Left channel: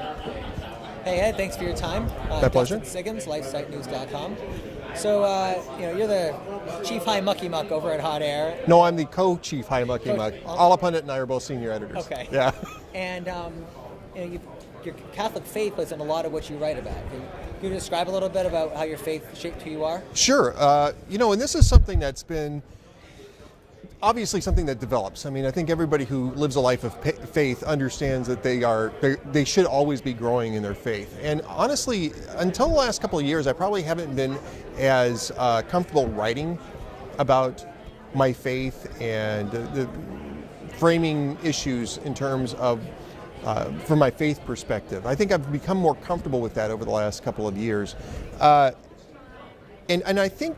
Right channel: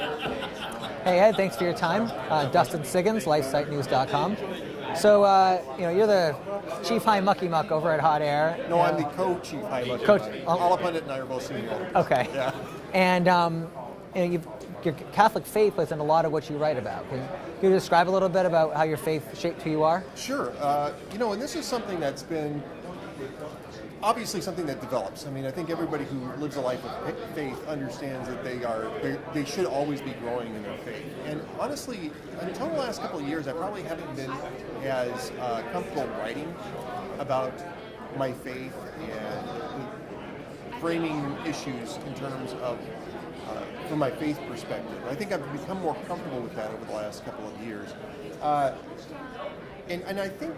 Hey Ed, thanks for your time. Dustin Siggins, LifeSiteNews.com. So, you're the Chief High Mucky Muck over at Hot Air. No, I'm the co-chief High Mucky Muck. All Pundit and I are both senior editors. Okay. Yeah. And your Catholic faith plays in a lot of what you write about. Can you describe a little bit about how your faith shaped who you are? Sure. And this is something that's been obviously something that develops. I mean, I think everybody who lives a life of faith understands that they should always be growing in their faith. And honestly, until the last couple of years, I probably haven't been as comfortable writing about my faith and the framing issues in terms of from my faith perspective. I think I've become more comfortable with that over the last couple of years. And I think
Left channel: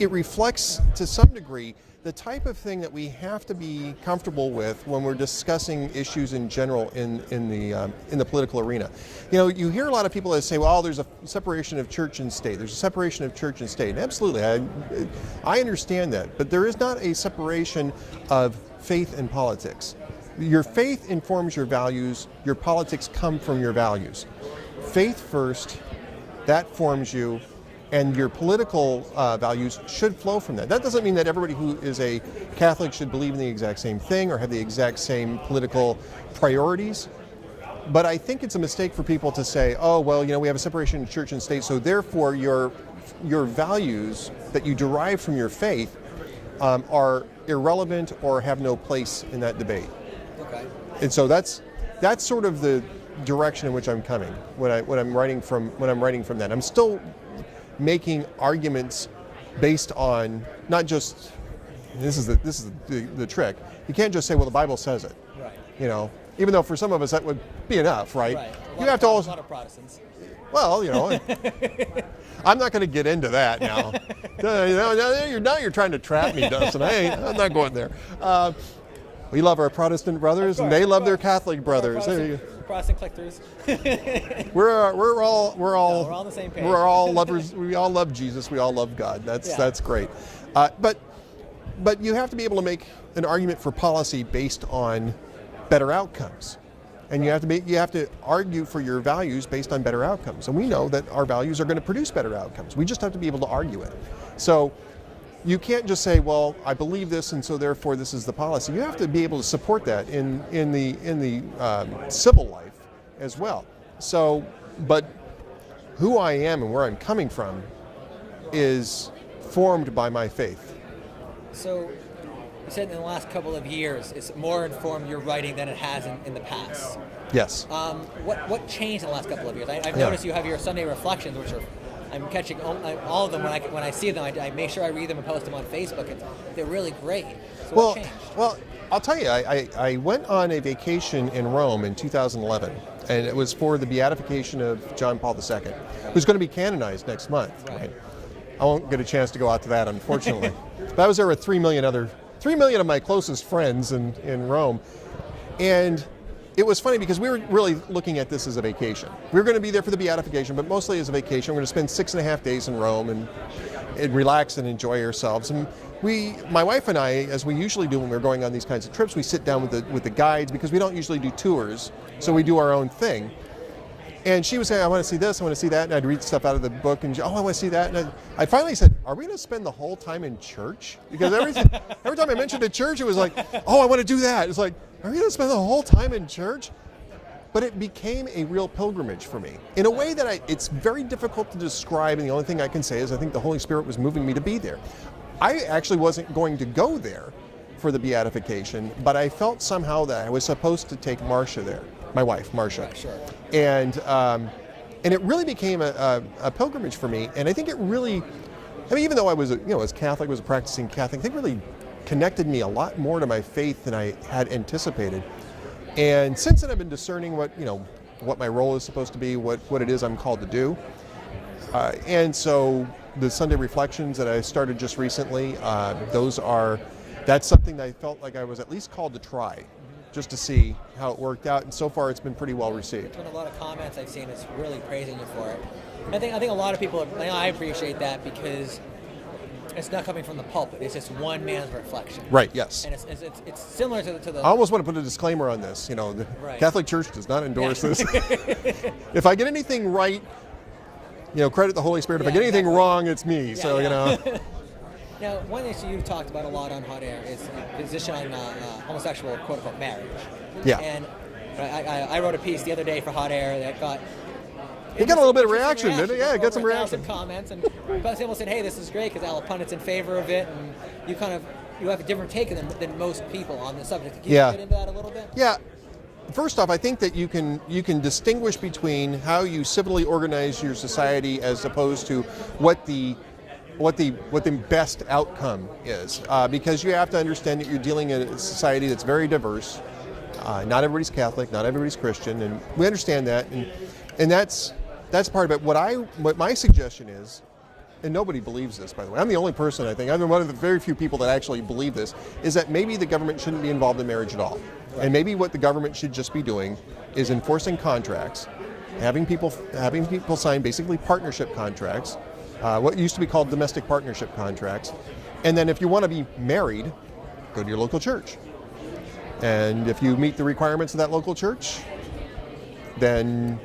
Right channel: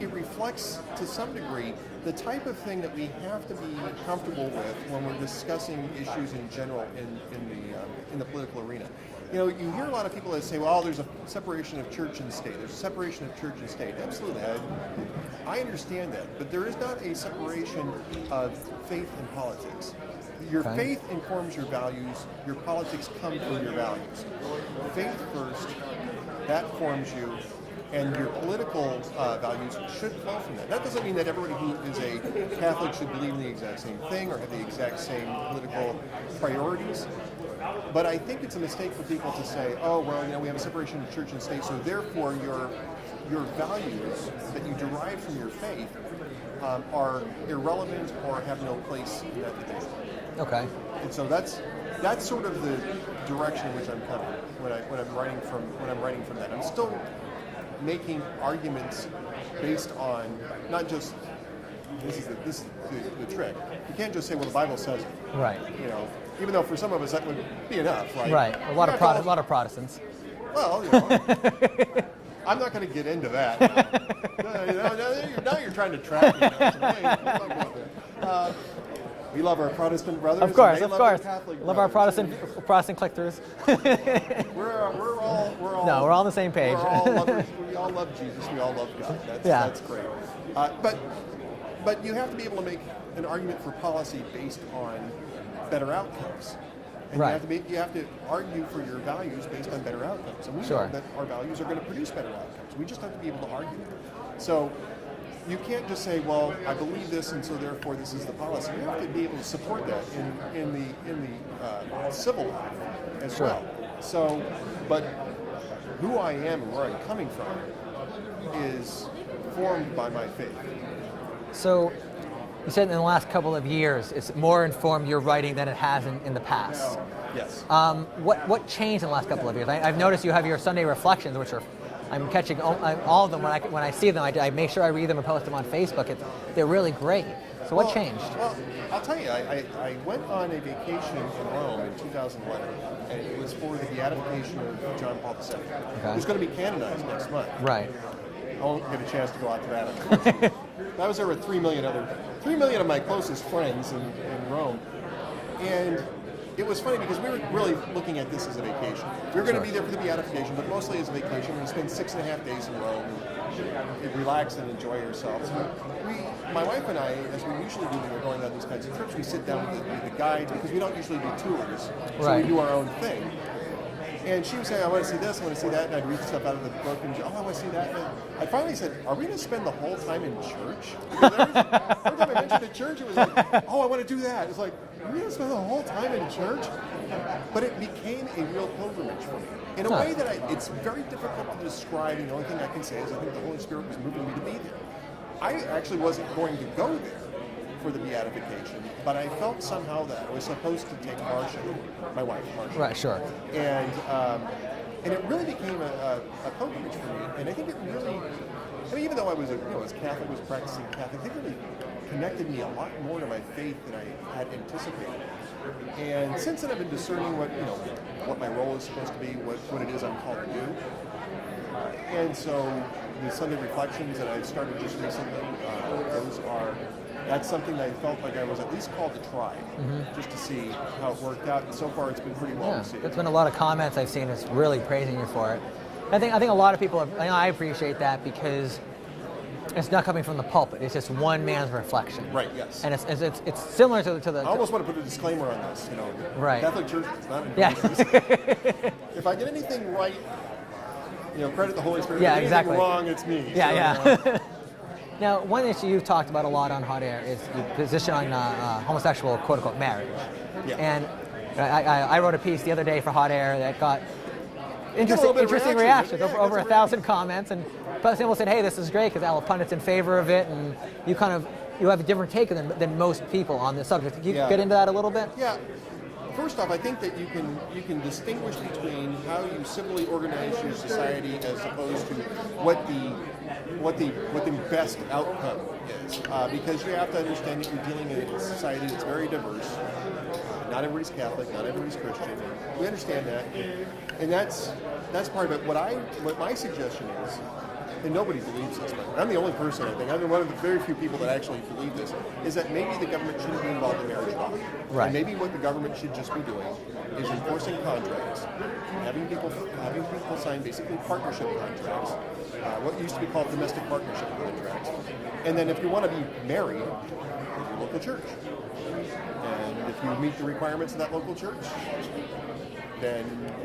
it reflects to some degree the type of thing that we have to be comfortable with when we're discussing issues in general in the political arena. You hear a lot of people that say, well, there's a separation of church and state. There's a separation of church and state. And absolutely, I understand that. But there is not a separation of faith and politics. Your faith informs your values. Your politics come from your values. Faith first, that forms you. And your political values should flow from that. That doesn't mean that everybody who is a Catholic should believe in the exact same thing or have the exact same political priorities. But I think it's a mistake for people to say, oh, well, we have a separation of church and state, so therefore your values that you derive from your faith are irrelevant or have no place in that debate. Okay. And so that's sort of the direction in which I'm coming when I'm writing from that. I'm still making arguments based on not just this is the trick. You can't just say, well, the Bible says it. Right. Even though for some of us that would be enough, right? Right. A lot of Protestants. Well, I'm not going to get into that now. Now you're trying to trap me, Dustin. I'm not going there. We love our Protestant brothers, and they love their Catholic brothers. Protestant click-throughs. we're all on the same page. We're all lovers. We all love Jesus. We all love God. That's great. But you have to be able to make an argument for policy based on better outcomes, and you have to argue for your values based on better outcomes. And we know that our values are going to produce better outcomes. We just have to be able to argue it. So you can't just say, well, I believe this, and so therefore this is the policy. You have to be able to support that in the civil life as well. So, but who I am and where I'm coming from is formed by my faith. So, you said in the last couple of years, it's more informed your writing than it has in the past. Yes. What changed in the last couple of years? I've noticed you have your Sunday reflections, which are I'm catching all of them when I see them. I make sure I read them and post them on Facebook. They're really great. So what changed? Well, I'll tell you, I went on a vacation in Rome in 2011, and it was for the beatification of John Paul II, who's going to be canonized next month. Right. I won't get a chance to go out to that, unfortunately. But I was there with 3 million of my closest friends in Rome, and it was funny because we were really looking at this as a vacation. We were going to be there for the beatification, but mostly as a vacation. We're going to spend 6.5 days in Rome and relax and enjoy ourselves. And my wife and I, as we usually do when we're going on these kinds of trips, we sit down with the guides because we don't usually do tours, so we do our own thing. And she would say, I want to see this, I want to see that, and I'd read stuff out of the book, and I want to see that. And I finally said, are we going to spend the whole time in church? Because every time I mentioned a church, it was like, oh, I want to do that. It's like, are we going to spend the whole time in church? But it became a real pilgrimage for me in a way that it's very difficult to describe, and the only thing I can say is I think the Holy Spirit was moving me to be there. I actually wasn't going to go there for the beatification, but I felt somehow that I was supposed to take Marcia there, my wife, Marcia. Right, sure. And it really became a pilgrimage for me, and I think it really, even though I was as Catholic, was a practicing Catholic, I think it really connected me a lot more to my faith than I had anticipated. And since then I've been discerning what my role is supposed to be, what it is I'm called to do. And so the Sunday reflections that I started just recently, that's something that I felt like I was at least called to try, just to see how it worked out. And so far it's been pretty well received. There's been a lot of comments I've seen that's really praising you for it. And I think a lot of people, I appreciate that because It's not coming from the pulpit. It's just one man's reflection. Right. Yes. And it's similar to the. I almost want to put a disclaimer on this. The Right. Catholic Church does not endorse this. If I get anything right, credit the Holy Spirit. If I get anything wrong, it's me. Yeah, so, Now, one issue you've talked about a lot on Hot Air is the position on homosexual quote-unquote marriage. Yeah. And I wrote a piece the other day for Hot Air that got. It got a little bit of reaction, didn't it? Yeah, it got some reaction. 1,000 comments, and people said, "Hey, this is great," because all the pundits in favor of it, and you have a different take than most people on this subject. Can you get into that a little bit? Yeah. First off, I think that you can distinguish between how you civilly organize your society as opposed to what the best outcome is, because you have to understand that you're dealing in a society that's very diverse. Not everybody's Catholic, not everybody's Christian, and we understand that, and that's part of it. What my suggestion is, and nobody believes this, by the way. I'm the only person, I think, I'm one of the very few people that actually believe this, is that maybe the government shouldn't be involved in marriage at all. Right. And maybe what the government should just be doing is enforcing contracts, having people sign basically partnership contracts, what used to be called domestic partnership contracts, and then if you want to be married, go to your local church. And if you meet the requirements of that local church, then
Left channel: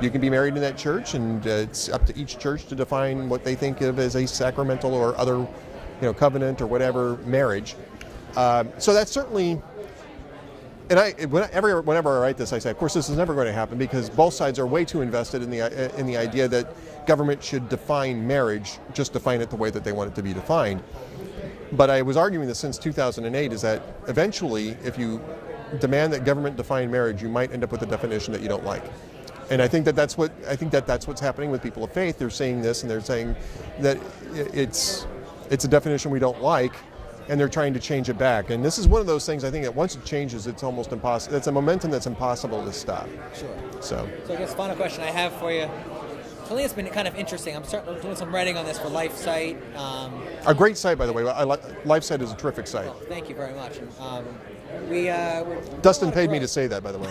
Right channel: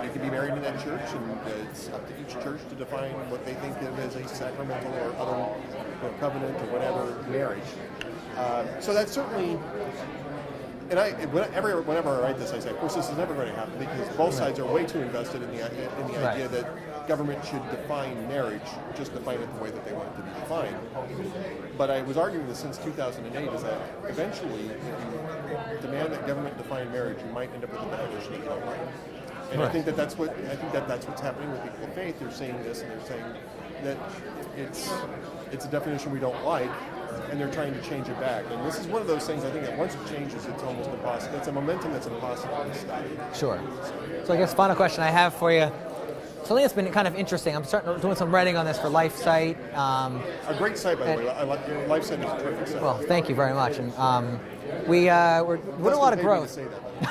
you can be married in that church, and it's up to each church to define what they think of as a sacramental or other, covenant or whatever marriage. So that's certainly, and whenever I write this, I say, of course, this is never going to happen because both sides are way too invested in the idea that government should define marriage, just define it the way that they want it to be defined. But I was arguing this since 2008, is that eventually, if you demand that government define marriage, you might end up with a definition that you don't like. And I think that's what's happening with people of faith. They're saying this, and they're saying that it's a definition we don't like, and they're trying to change it back. And this is one of those things, I think, that once it changes, it's almost impossible. It's a momentum that's impossible to stop. Sure. So I guess final question I have for you. Something that's been kind of interesting. I'm doing some writing on this for LifeSite. A great site, by the way. LifeSite is a terrific site. Well, thank you very much. And we're Dustin paid me to say that, by the way.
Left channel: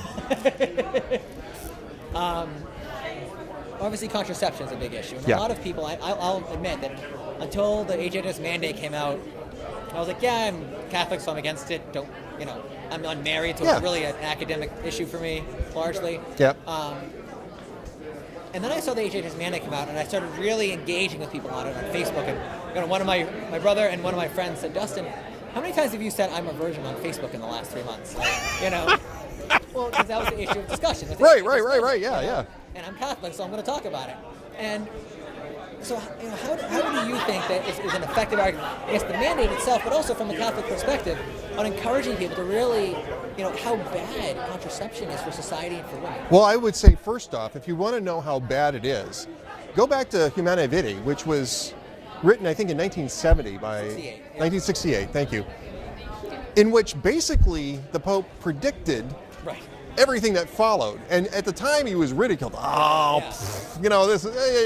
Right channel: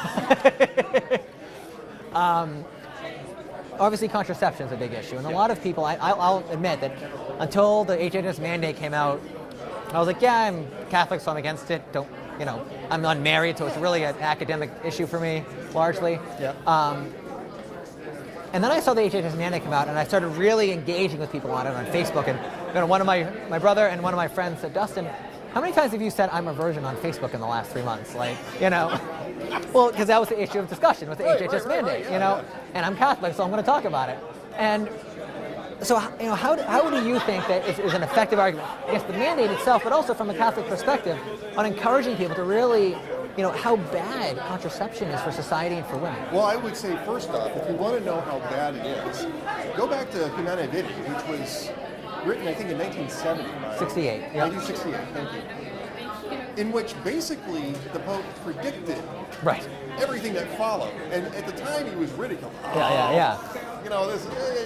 Obviously, contraception is a big issue. And a lot of people, I'll admit that until the HHS mandate came out, I was like, yeah, I'm Catholic, so I'm against it. I'm unmarried, so it's really an academic issue for me, largely. Yeah. And then I saw the HHS mandate come out, and I started really engaging with people on it on Facebook. And one of my brother and one of my friends said, Dustin, how many times have you said I'm a virgin on Facebook in the last 3 months? Well, because that was the issue of discussion. With the HHS mandate, yeah. And I'm Catholic, so I'm going to talk about it. And so, how do you think that is an effective argument against the mandate itself, but also from a Catholic perspective, on encouraging people to really, how bad contraception is for society and for women? Well, I would say, first off, if you want to know how bad it is, go back to Humanae Vitae, which was written, I think, in 1970 by... 1968, thank you. In which basically the Pope predicted everything that followed. And at the time he was ridiculed. You're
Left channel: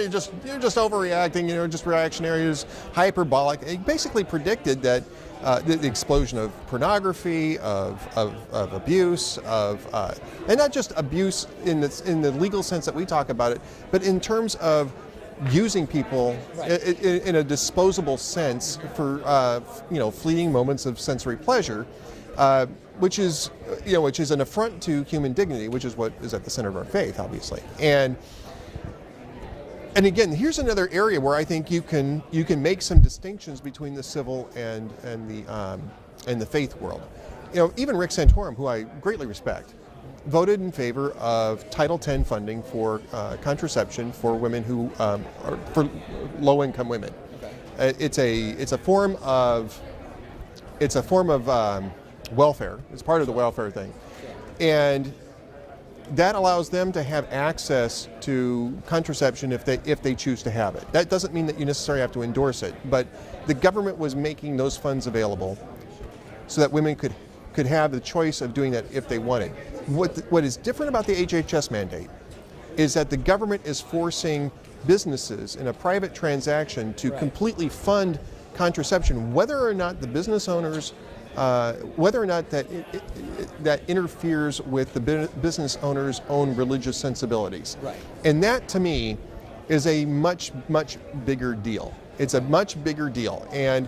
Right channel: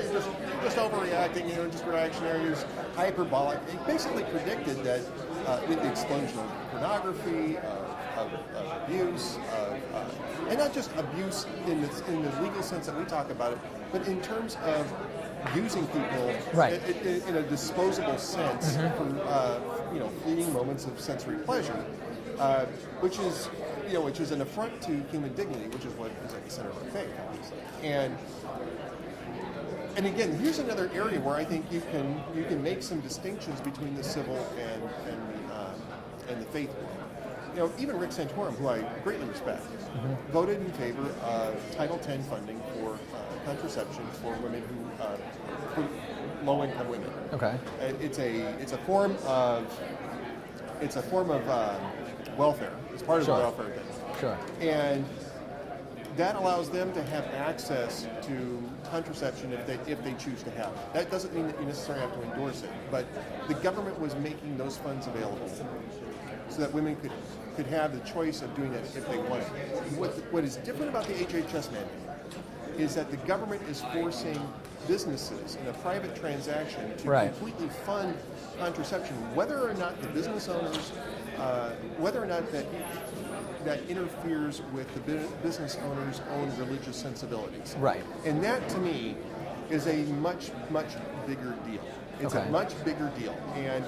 just overreacting, just reactionary, just hyperbolic. He basically predicted that the explosion of pornography, of abuse, and not just abuse in the legal sense that we talk about it, but in terms of using people in a disposable sense for fleeting moments of sensory pleasure, which is an affront to human dignity, which is what is at the center of our faith, obviously. And again, here's another area where I think you can make some distinctions between the civil and the faith world. Even Rick Santorum, who I greatly respect, voted in favor of Title X funding for contraception for women who for low-income women. Okay. It's a form of welfare. It's part of the welfare thing. Sure. And that allows them to have access to contraception if they choose to have it. That doesn't mean that you necessarily have to endorse it, but the government was making those funds available so that women could have the choice of doing that if they wanted. What is different about the HHS mandate is that the government is forcing businesses in a private transaction to completely fund contraception, whether or not the business owners, whether or not that interferes with the business owner's own religious sensibilities. Right. And that, to me, is a much, much bigger deal. It's a much bigger deal. And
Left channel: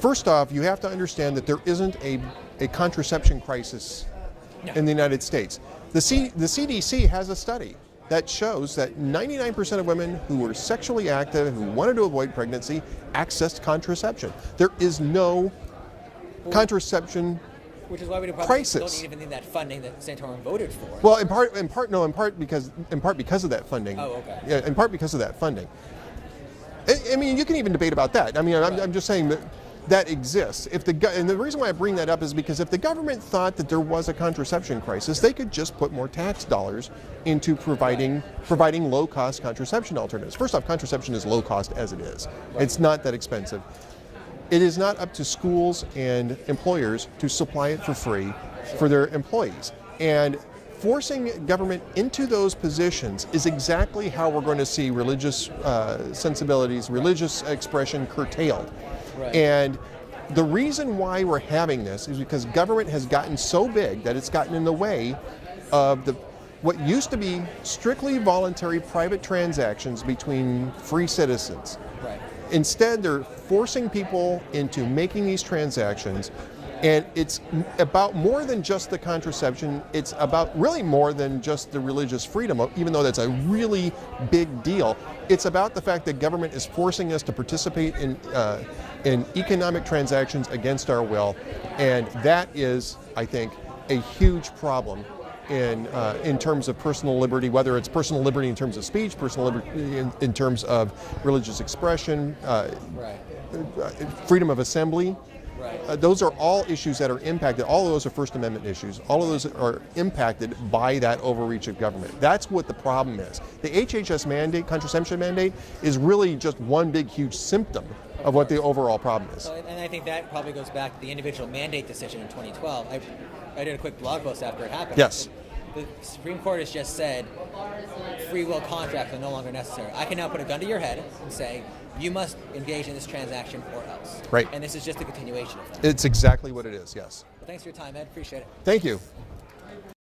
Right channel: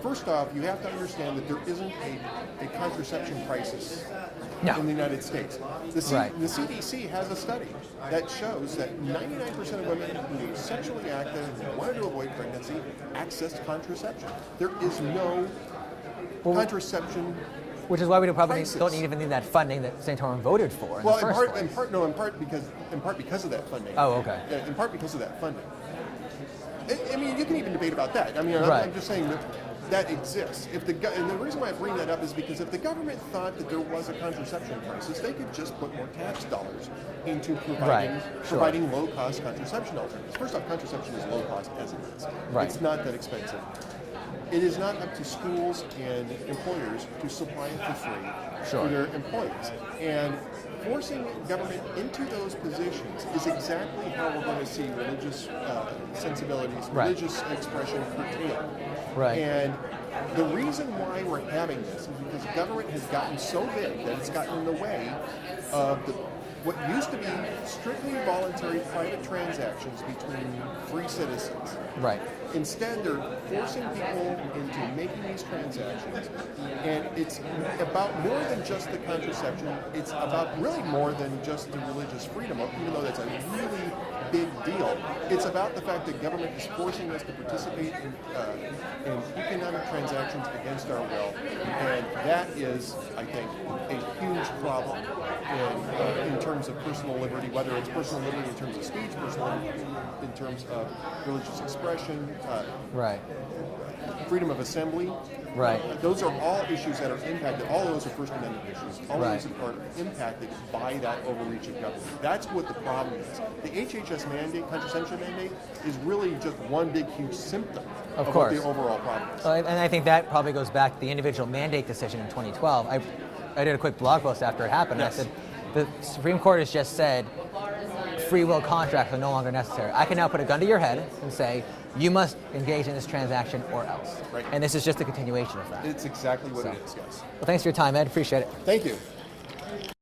first off, you have to understand that there isn't a contraception crisis in the United States. The CDC has a study that shows that 99% of women who were sexually active and who wanted to avoid pregnancy accessed contraception. There is no contraception which is why we probably crisis. Don't even need that funding that Santorum voted for. Well, in part because of that funding. Oh, okay. Yeah, in part because of that funding. I mean, you can even debate about that. I mean, I'm just saying that exists. And the reason why I bring that up is because if the government thought that there was a contraception crisis, they could just put more tax dollars into providing low-cost contraception alternatives. First off, contraception is low cost as it is. It's not that expensive. It is not up to schools and employers to supply it for free for their employees. And forcing government into those positions is exactly how we're going to see religious sensibilities, religious expression curtailed. And the reason why we're having this is because government has gotten so big that it's gotten in the way of what used to be strictly voluntary private transactions between free citizens. Instead, they're forcing people into making these transactions, and it's about more than just the contraception. It's about really more than just the religious freedom, even though that's a really big deal. It's about the fact that government is forcing us to participate in economic transactions against our will, and that is, I think, a huge problem in terms of personal liberty, whether it's personal liberty in terms of speech, personal liberty in terms of religious expression, freedom of assembly. Those are all issues that are impacted. All of those are First Amendment issues. All of those are impacted by that overreach of government. That's what the problem is. The HHS mandate, contraception mandate, is really just one big, huge symptom of what the overall problem is. And I think that probably goes back to the individual mandate decision in 2012. I did a quick blog post after it happened. Yes. The Supreme Court has just said free will contracts are no longer necessary. I can now put a gun to your head and say, you must engage in this transaction or else. And this is just a continuation of that. It's exactly what it is, yes. Well, thanks for your time, Ed. Appreciate it. Thank you.